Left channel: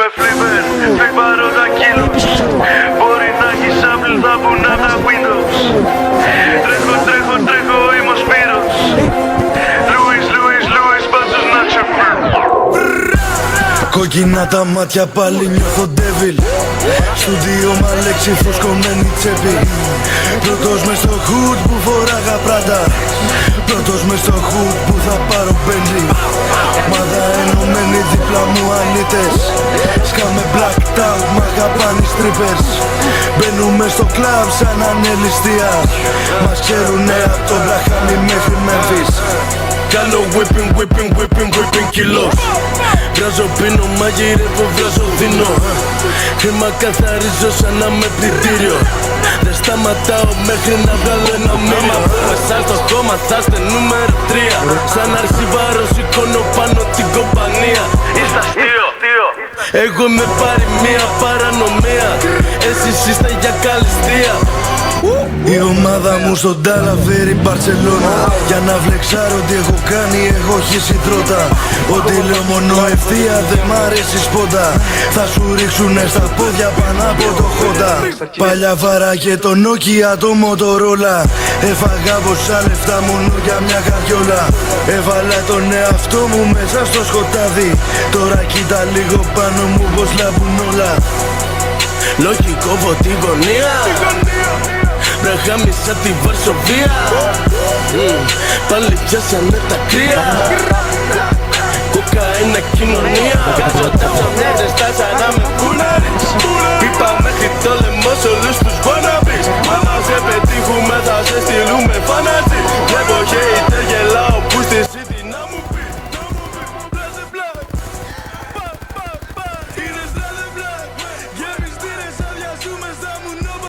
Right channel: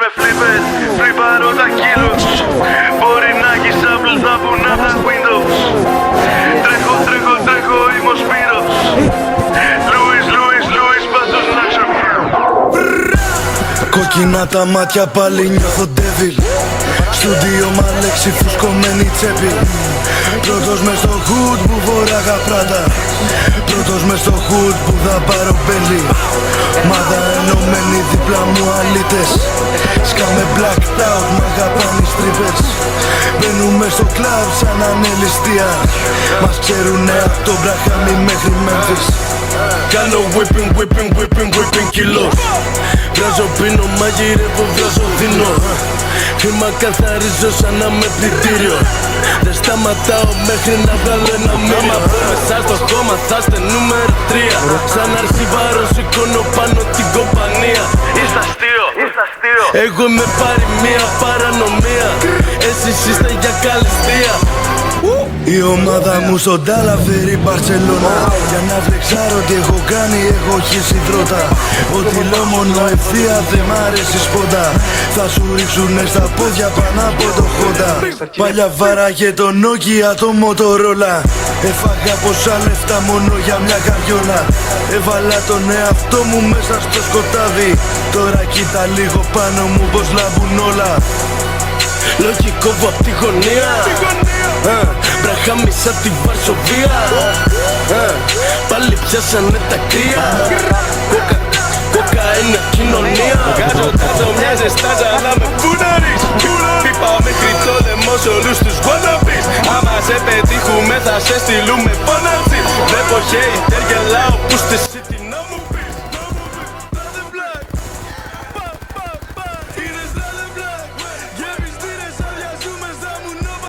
με φλίπες, φρυπάρω τα κίλους. Μπορεί να έχεις Apple, θα πουνά τα Windows. Τρέχω, είμαι ο Σπύρος. Λούις, πάτσος Νάτσο. Κόκκινα τα μάτια πάλι νιώθω devil. Στούντιο Αλέξη φουσκωμένη τσέπη. Πρώτος μες στο hood που φοράγα Prada. Πρώτος μες στο hood που θα πάρω πέντη. Ομάδα ενωμένη δίπλα μου αλήτες. Σκάμε blacked out, μ' αγαπάνε οι στρίπες. Μπαίνουμε στο κλαμπ σαν ανελιστία. Μας ξέρουνε από το Βραχάμι μέχρι Memphis. Κάνω whipping κιλός. Βράζω πίνω, μαγειρεύω, βράζω δίνω. Χρήμα καθαρίζω σαν να με πλυντήριο. Δεν σταματάω μέχρι να βγάλω ένα μήνυμα. Άμα πω μέσα στο χώμα θα είστε νούμερο 3. Σαν αρχιβάρο σηκώνω πάνω την κομπανία. Είστε αστείο. Εγώ είμαι παροιμία, παρανομία. Εσείς είστε για καλυστία. Η ομάδα μου στον Τάλα φέρει Μπαρσελόνα. Για να φλεξάρω τι έχω κάνει, έχω χύσει δρότα. Ό,τι λέω μόνο ευθεία δεν μ' αρέσει σπότα. Θα σου ρίξουνε στα πόδια πάνω από το χώτα. Παλιά βάραγε το Nokia, το Motorola. Έφαγα πόσα λεφτά μόνο για μια καριόλα. Έβαλα τον εαυτό μου μέσα στο σκοτάδι. Τώρα κοίτα λίγο πάνω μου πως λάμπουν όλα. Λογικό από τη γωνία. Βραχάμι σαν τη Βαρσοβία. Πάλι πιάσανε τα κρύα. Κοκαίνε κοινωνία.